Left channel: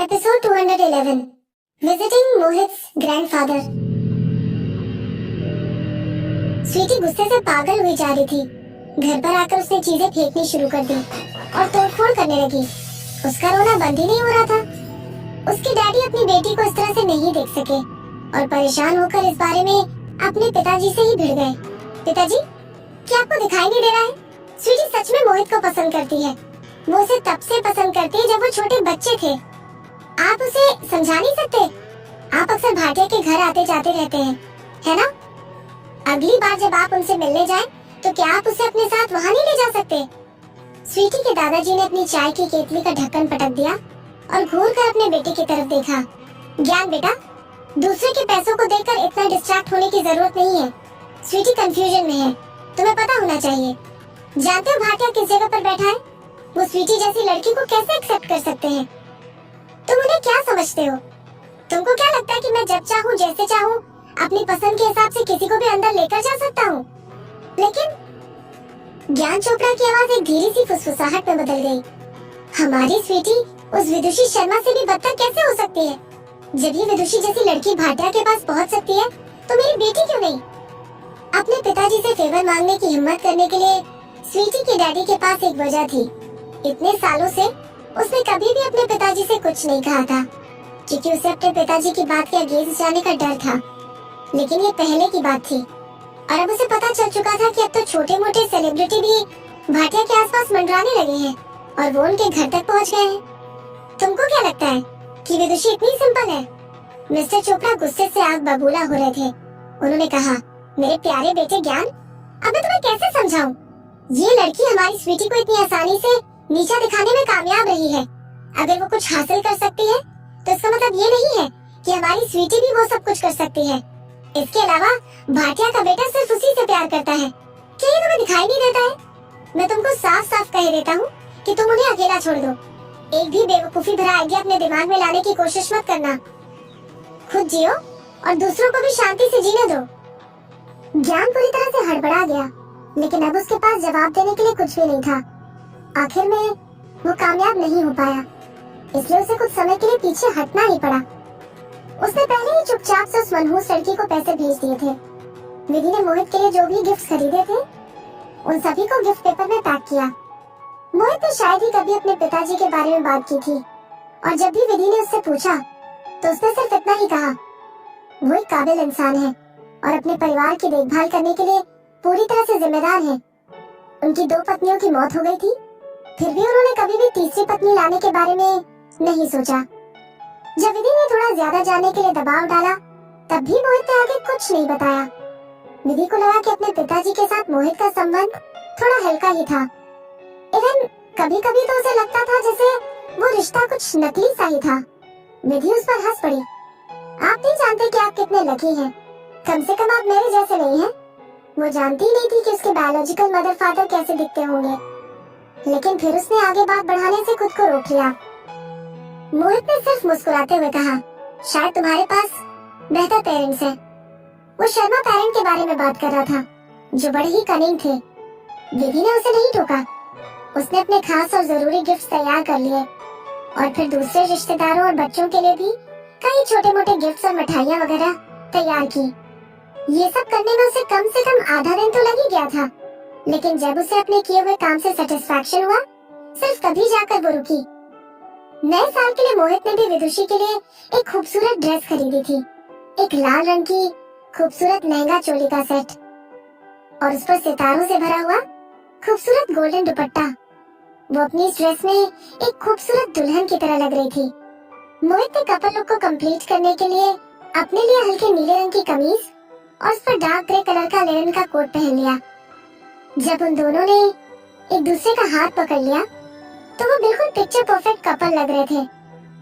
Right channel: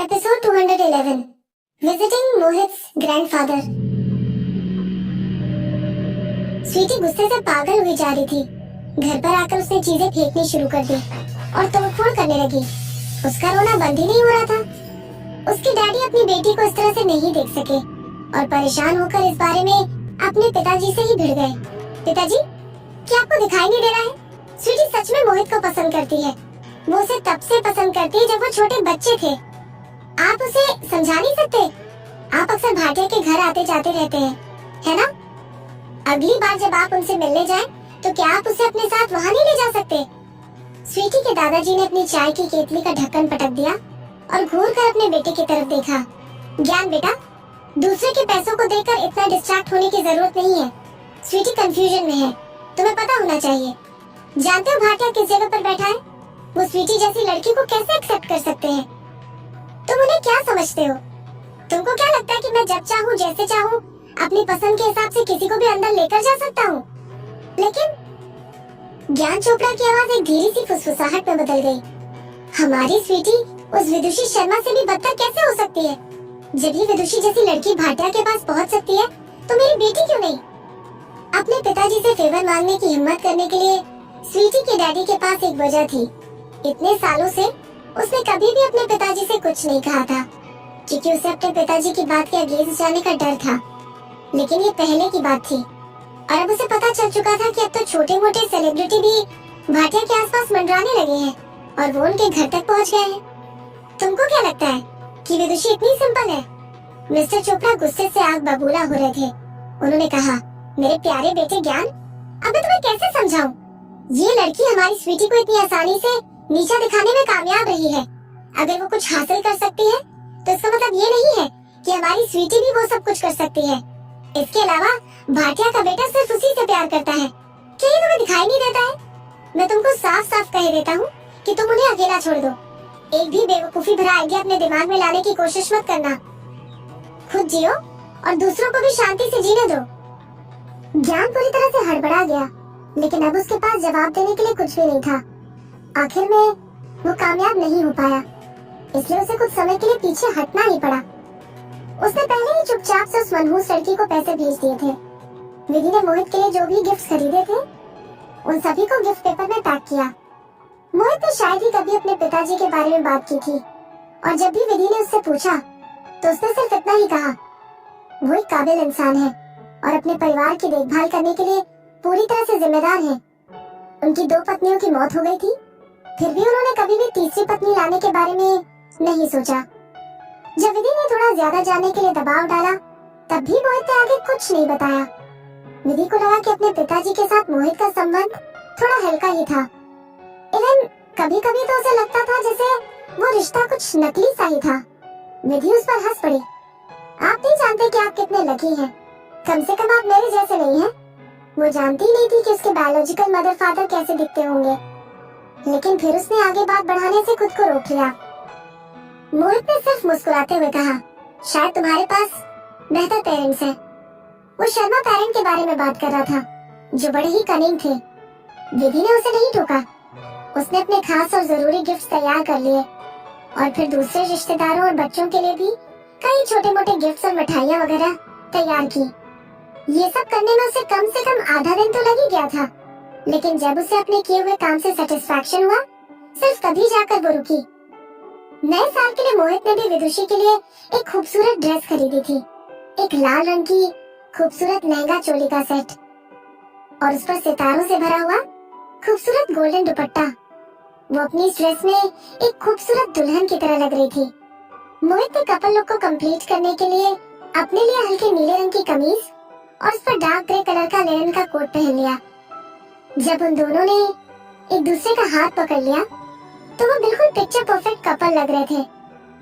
Episode 211 visiting Mohit's grandfather. Sweety गुस्से से पागल हुई जा रही थी। घर पर आकर उसने चीजें फेंकनी शुरू कर दी और तोड़फोड़ करने लगी। उसका रोना बंद ही नहीं हो रहा था। उसकी डैडी अपनी बेटी को इस तरह से नहीं देख सके और परेशान होकर इस बारे में अपने पिताजी से ही भिड़ गए। पिताजी, क्या आपको दिखाई नहीं दे रहा है? स्वीटी सच में मोहित को पसंद करती है। वो उसे तब से पसंद करती है जब वो छोटे बच्चे थे। आप उसे समझा नहीं सकते? आप अक्सर भाटिया के घर आते जाते रहते हैं, है ना? अगली बार जब आप उनसे मिलने जाएं, तो क्या आप उसे अपने साथ वहाँ नहीं ले जा सकते? स्वीटी के दादाजी ने अपनी चाय की केतली का ढक्कन पटक दिया और घूर कर अपने बेटे की तरफ देखा। ज्ञान बेटा, दूसरे के पैसों को देखकर इतना डिस्ट्रैक्ट होने की जरूरत नहीं है। स्वीटी कंफ्यूजन में है, तुम्हें पता होना चाहिए। जानते हो भाटिया किस जगह पर बैठा है? वो स्वीटी जैसी लड़की को कैसे एक्सेप्ट कर सकते हैं? तुम उन्हें क्या समझते हो? तुमको क्या लगता है कि मैं जब चाहूँ जैसे चाहूँ अपनी पसंद के हिसाब से किसी को भी अंदर लेकर जा सकता हूँ? लेकिन ज्ञान चोपड़ा की आवाज एक धीरे सी फुसफुसाहट में बदल गई। हमारी स्वीटी उस विदुषी शर्मा से भी बदतर कैसे हो सकती है? जब ये विदुषी जैसी लड़की भाटिया के पास पहुँच सकती है, तो मेरी बेटी क्यों नहीं? अपने पिताजी से फेवर मांगने की हिम्मत करने के लिए स्वीटी के डैडी के पास एक वजह थी। इतने सालों से उसने कभी भी अपने पिताजी से कुछ नहीं कहा था, क्योंकि उसे अपने पिताजी की बात के अगेंस्ट जाने का डर था। लेकिन ये पहले की बात थी और अब उसे पता चल चुका था कि अब तो छोटे मोटे सेलिब्रिटी भी भाटिया के आसपास मंडराने लगे हैं और वो उनके घर तक पहुंच गए हैं। तुमको क्या लगता है कि विदुषी इतनी सिंपल है? मिस्टर चोपड़ा गुस्से से आग बबूला हो रहे थे। उन्होंने कहा, मेरे प्यारे बेटे ज्ञान, अब मैं तुम्हें कैसे समझाऊं? ये लड़की हमारी स्वीटी को इतनी आसानी से नीचा दिखाने में कामयाब रही है। अगर वो कुछ हासिल कर सकती है, तो इसका मतलब ये नहीं है कि हमारी स्वीटी भी वो सब कुछ कर सकती है। इसके अलावा भाटिया का बेटा सिर्फ उसी से प्यार करता है। क्या ये तुम्हें दिखाई नहीं देता है? मैं तुमको साफ साफ कह देता हूँ कि तुम उन्हें अकेला छोड़ दो। एक भी बेवकूफी भरा आइडिया अपने दिमाग में लाने की कोशिश मत करना। खुद जियो और दूसरों को भी शांति से जीने दो। ज्ञान पूरी तरह से हड़बड़ा गया, लेकिन अब उसके पास जवाब देने के लिए कुछ भी नहीं था। आखिर में वो कामयाब नहीं हो पाया, इसलिए उसे कुछ समय के लिए पीछे हटना ही पड़ा। उसने पहले ही चुपचाप से उस मनहूस लड़की को पैसे भेज दिए थे। विधि ने मोहित के लिए जो भी गिफ्ट खरीदे थे, उन सभी को गिफ्ट पेपर में पैक किया। मोहित ने शायद ही कभी अपने पिताजी के बारे में बात की थी और जब भी विधि ने उससे पूछा, तो उसने सिर्फ इतना ही कहा, वो एक काबिल इंसान है और अपने परिवार की देखभाल करने के लिए पूरी तरह से जिम्मेदार है। उनकी 2 पत्नियों की मौत हो गई थी, फिर भी उन्होंने कभी भी तीसरी पत्नी लाने के बारे में नहीं सोचा। जब विधि ने थोड़ा ज्यादा जानने के लिए दबाव डाला, तब भी मोहित ने आगे कुछ नहीं बताया। विधि को लगा कि अपने पिताजी के साथ मोहित का संबंध थोड़ा हल्का ही था। इवन कभी कभी तो उसे लगता था जैसे वो रिश्ता कुछ नकली सा ही था। विधि उस पर हंस पड़ी। आप नहीं जानते कि आप कितने लकी हैं। कम से कम आप मेरे जैसे नहीं हैं। वो जानती ही नहीं थी कि उसके बायोलॉजिकल मदर फादर कैसे दिखते होंगे, लेकिन फिर उसने आगे बात बढ़ाने से खुद को रोक लिया। मोहित ने सिर्फ मुस्कुराते हुए कहा, शायद तुम्हारे पास बेहतर पेरेंट्स हैं। वो शर्मा पेरेंट के बारे में बात कर रहा था, जो बड़े ही कनिंग थे। विधि ने उसे नहीं टोका। उसने अपने खास और जरूरी गिफ्ट तैयार कर लिए और फिर दूसरे रिश्तेदारों और बच्चों के लिए भी कई छोटे मोटे गिफ्ट और मिठाइयाँ वगैरह तैयार की। ये सब करने में उसे कम से कम आधा दिन तो लग ही गया था, लेकिन जब उसे अपने किए हुए काम से सेटिस्फैक्शन हुआ, सिर्फ तभी जाकर वो रुकी। नए साल के लिए मोहित ने भी विदुषी के लिए एक खूबसूरत ड्रेस खरीदी थी, एक लाल रंग की खूबसूरत लहंगा चोली का सेट और उस पर सितारों से भरा हुआ खूबसूरत गोल्डन दुपट्टा। वो अपनी इस ड्रेस में एक खूबसूरत दुल्हन की तरह लग रही थी। मोहित ने कपल लुक को कंप्लीट करने के लिए अपने लिए हल्के नीले रंग की कमीज और उस पर डार्क ग्रे कलर का लिनन का कोट पहन लिया। जब उन दोनों ने एक दूसरे का हाथ पकड़ लिया, तो वो बिल्कुल पिक्चर परफेक्ट कपल लग रहे थे।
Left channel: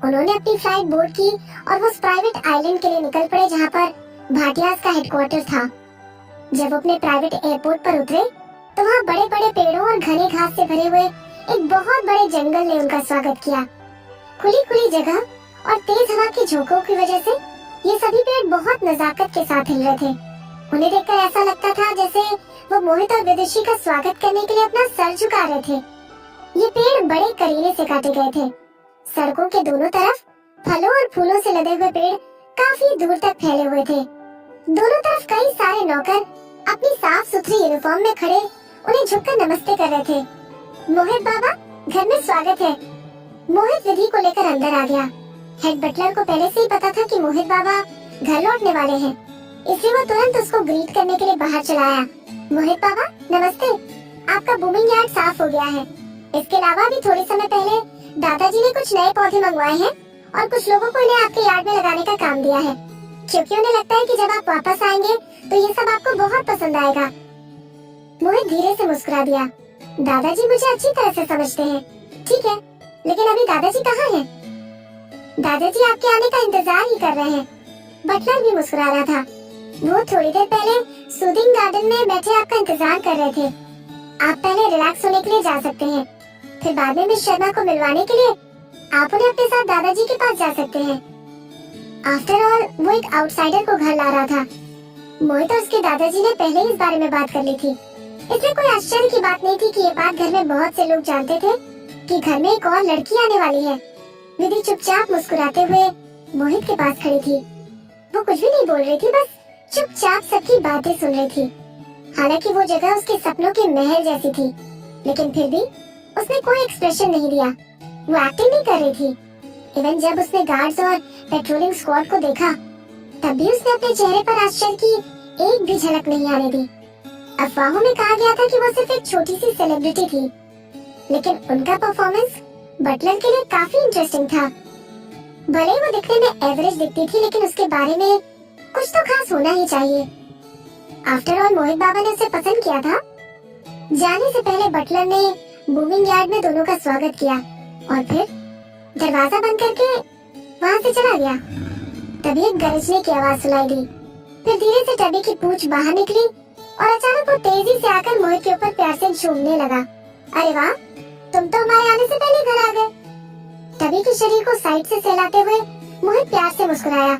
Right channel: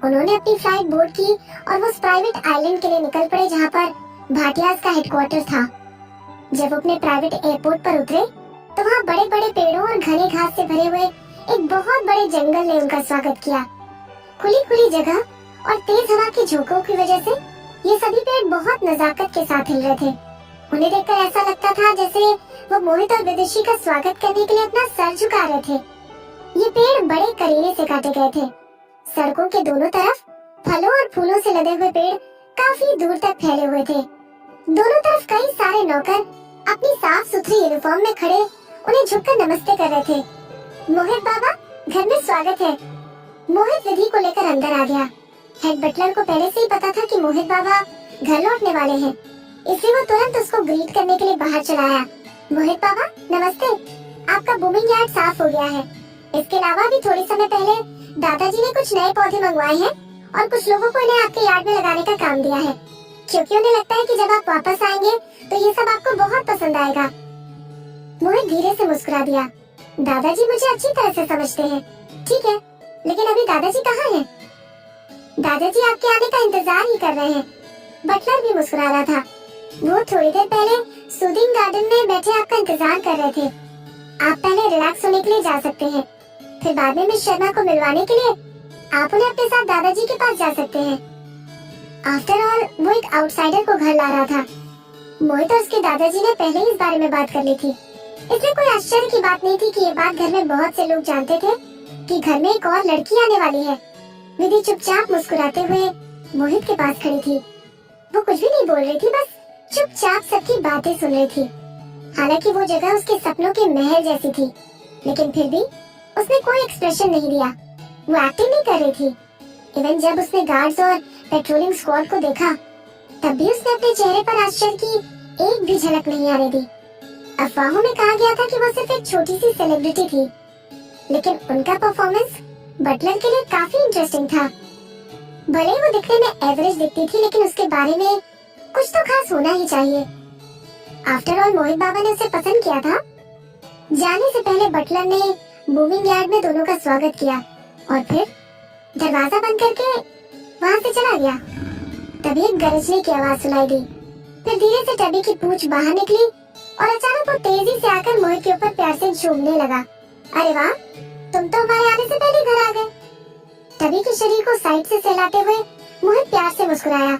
उन्होंने अपनी फ्लाइट बोर्ड की और वो उस प्राइवेट आइलैंड के लिए निकल पड़े जहाँ पर भाटियाज का हेडक्वार्टर था। जब वो अपने प्राइवेट एयरपोर्ट पर उतरे, तो वहाँ बड़े बड़े पेड़ों और घने घास से भरे हुए एक बहुत बड़े जंगल ने उनका स्वागत किया। खुली खुली जगह और तेज हवा की झोंकों की वजह से ये सभी पेड़ बहुत नजाकत के साथ हिल रहे थे। उन्हें देखकर ऐसा लगता था जैसे वो मोहित और विदुषी का स्वागत करने के लिए अपना सर झुका रहे थे। ये पेड़ बड़े करीने से काटे गए थे। सड़कों के दोनों तरफ फलों और फूलों से लदे हुए पेड़ काफी दूर तक फैले हुए थे। दोनों तरफ कई सारे नौकर अपनी साफ सुथरी यूनिफॉर्म में खड़े उन्हें झुककर नमस्ते कर रहे थे। मोहित बाबा, घर में स्वागत है। मोहित विधि को लेकर अंदर आ गया। हेड बटलर को पहले से ही पता था कि मोहित बाबा घर लौटने वाले हैं, इसलिए वो तुरंत उसको ग्रीट करने के लिए बाहर चला आया। मोहित बाबा नमस्ते, आपका बूमिंग यार्ड साफ हो गया है। इसके अलावा भी थोड़ी समय पहले दादाजी ने कुछ नए पौधे मंगवाए हैं और कुछ लोगों को इन्हें आपके यार्ड में लगाने का काम दिया है, क्योंकि उन्हें लगता है कि जब आप वापस आएंगे तो ये सब आपको बहुत पसंद आएगा। मोहित धीरे से मुस्कुरा दिया। दादाजी मुझे अच्छी तरह से समझते हैं। ठीक है, लेकिन अभी दादाजी कहाँ हैं? दादाजी आपके आने का इंतजार ही कर रहे हैं। बटलर भी मुस्कुरा रहा था। वो थोड़ी देर पहले सूदिंग गार्डन में बैठे आपका इंतजार कर रहे थे। आप पहले रिलैक्स होने के लिए जा सकते हैं, फिर बाद में मिस शर्मा को मिलवाने के लिए आप उन्हें अपने साथ दादाजी के पास जा सकते हैं। आफ्टर ऑल वो एक आउटसाइडर को घर ला रहा था। मोहित और उसके दादाजी ने पहले ही इस बारे में बात कर ली थी, इसलिए कोई आश्चर्य की बात नहीं थी कि ये बात घर में बहुत से लोग जानते थे कि घर में एक और लड़की आने वाली है। विधि चुपचाप मुस्कुराते हुए मोहित के पास खड़ी थी। वो कुछ भी नहीं बोल रही थी, बस चुपचाप सबकी बातें सुन रही थी। हालांकि वो जगह उसके सपनों के महल जैसी थी, लेकिन फिर भी उसने कोई एक्सप्रेशन नहीं दिया। वो एक्टिंग नहीं कर रही थी। इवन जब उसने गार्ड्स और पेट्रोलिंग स्क्वाड को देखा, तब भी उसने अपने चेहरे पर आश्चर्य की एक भी झलक नहीं आने दी। अफवाहों में कहा गया था कि वो सिर्फ एक छोटी सी सेलिब्रिटी थी, लेकिन उनका परफॉर्मेंस बटलर के लिए काफी इंटरेस्टिंग था। भले ही वो दिखने में एवरेज दिखती थी, लेकिन उसके बारे में कुछ तो खास होना ही चाहिए। आफ्टर ऑल मोहित बाबा ने उसे पसंद किया था। जाने से पहले बटलर ने बूमिंग यार्ड में दोनों का स्वागत किया और फिर दरवाजा बंद करके वहाँ से चला गया। तभी एक गरजने की आवाज सुनाई दी। फिर धीरे से टबी की पूंछ बाहर निकली और अचानक वो तेजी से आकर मोहित के ऊपर प्यार से झूमने लगा। अरे वाह, तुम तो हमारे आने से पहले घर आ गए। टबी के शरीर को साइड से सहलाते हुए मोहित प्यार से मुस्कुराया।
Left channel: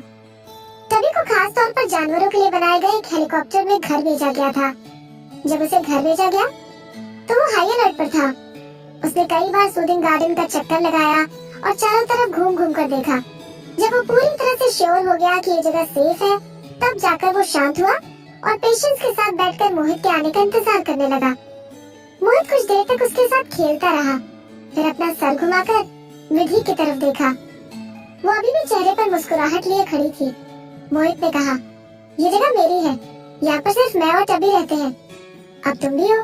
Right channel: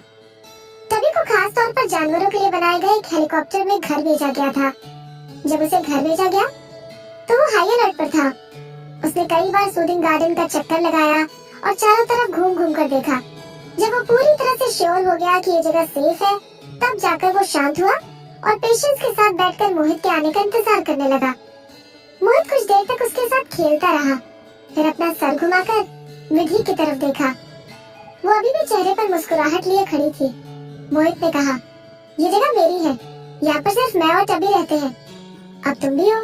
टबी को खास तौर पर जानवरों के लिए बनाए गए एक हेलीकॉप्टर में घर भेजा गया था। जब उसे घर भेजा गया तो वो हाई अलर्ट पर था। उसने कई बार सूदिंग गार्डन का चक्कर लगाया और चारों तरफ घूम घूम कर देखा। जब वो पूरी तरह से श्योर हो गया कि ये जगह सेफ है, तब जाकर वो शांत हुआ और पेशेंस के साथ बैठकर मोहित के आने का इंतजार करने लगा। मोहित कुछ देर तक उसके साथ खेलता रहा, फिर अपना सर घुमाकर विधि की तरफ देखा। वो अभी भी चेहरे पर मुस्कुराहट लिए खड़ी थी। मोहित ने कहा, ये जगह मेरी है, यहाँ पर सिर्फ मैं और टबी रहते हैं। अब तुम भी हो,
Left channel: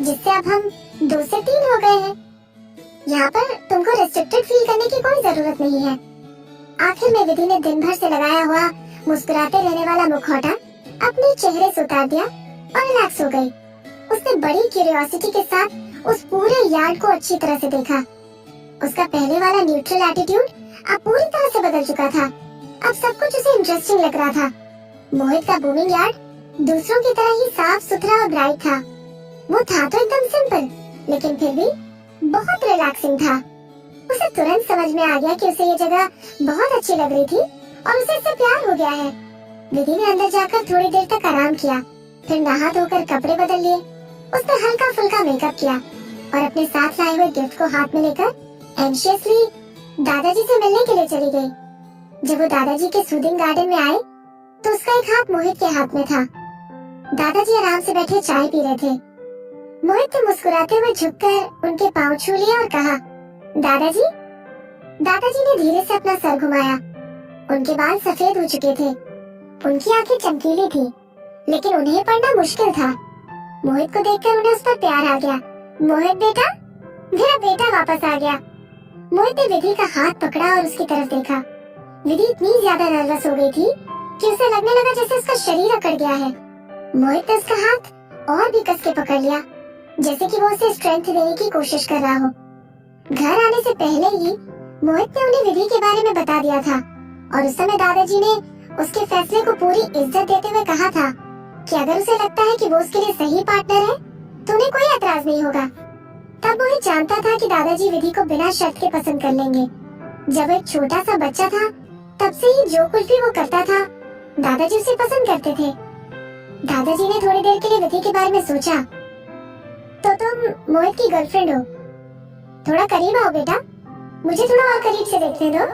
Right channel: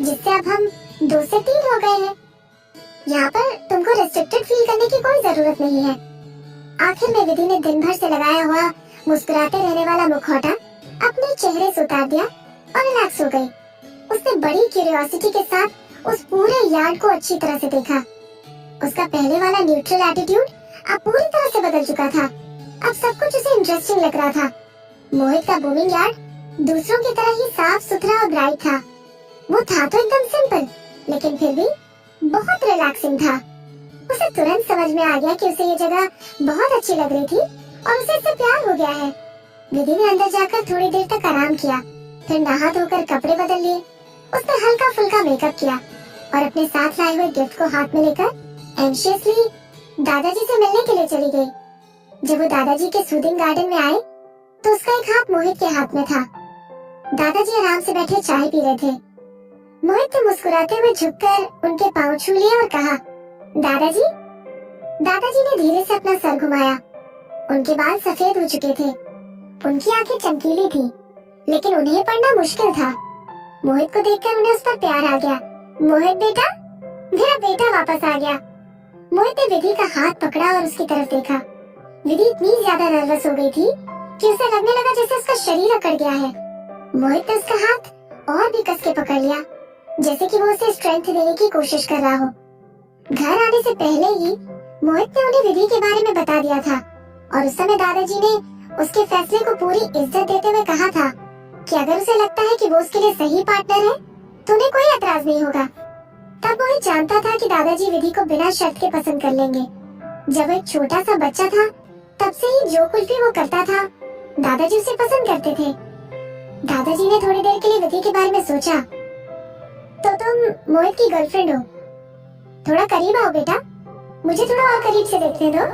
जिससे अब हम 2 से 3 हो गए हैं। यहाँ पर तुमको रिस्ट्रिक्टेड फील करने की कोई जरूरत नहीं है। आखिर में विधि ने दिन भर से लगाया हुआ मुस्कुराते रहने वाला मुखौटा अपने चेहरे से उतार दिया और रिलैक्स हो गई। उसने बड़ी क्यूरियोसिटी के साथ उस पूरे यार्ड को अच्छी तरह से देखा। उसका पहले वाला न्यूट्रल एटीट्यूड अब पूरी तरह से बदल चुका था। अब सब कुछ उसे इंटरेस्टिंग लग रहा था। मोहित का बूमिंग यार्ड दूसरों की तरह ही साफ सुथरा और ब्राइट था। वो था तो एकदम सिंपल, लेकिन फिर भी बहुत रिलैक्सिंग था। उसे तुरंत समझ में आ गया कि उसे ये जगह बहुत अच्छी लग रही थी और उसे इससे प्यार हो गया है। विधि ने अंदर जाकर थोड़ी देर तक आराम किया, फिर नहा धोकर कपड़े बदल लिए। उसने हल्का फुल्का मेकअप किया और अपने साथ लाए हुए गिफ्ट को हाथ में लेकर एंशियसली दादाजी से मिलने के लिए चली गई। जब वो दादाजी के सूदिंग गार्डन में आए तो उसका एक हाथ मोहित के हाथ में था। दादाजी आराम से बैठे चाय पी रहे थे। मोहित ने मुस्कुराते हुए झुककर उनके पांव छू लिए और कहा, दादाजी। दादाजी ने धीरे से अपना सर घुमाया। उनके बाल सफेद हो चुके थे, उनकी आंखें चमकीली थी, लेकिन उन्हें पढ़ना मुश्किल था। मोहित को देखकर उन्हें उस पर प्यार आ गया। मोहित बेटा, मेरा बेटा वापस आ गया। मोहित ने विधि का हाथ पकड़ा और उसकी तरफ देखा। विधि इतनी ज्यादा नर्वस हो गई थी कि उसे लगने लगा जैसे उसका शरीर अकड़ गया है। मोहित ने उसका हाथ और भी कस के पकड़ लिया, जैसे कि वो उसे स्ट्रेंथ देने की कोशिश कर रहा हो। घर आने से पहले ही मोहित ने उन्हें विधि के बारे में बता दिया था और उस समय दादाजी ने उसके फैसले को पूरी इज्जत देते हुए कहा था कि अगर उसे लगता है कि वो उसके लिए सही पार्टनर है तो उन्हें कोई एतराज नहीं होगा। तब मोहित जानता था कि दादाजी विधि को बिना शर्त के पसंद कर लेंगे। जब वो एक छोटा सा बच्चा था, तब से ही जो कुछ भी वो करता था, दादाजी उसे पसंद करते थे। दादाजी ने थोड़ी देर के लिए विधि के बारे में सोचा। तो तुम मोहित की गर्लफ्रेंड हो? थोड़ा करीब आओ बेटा, मुझे थोड़ा और करीब से देखने दो।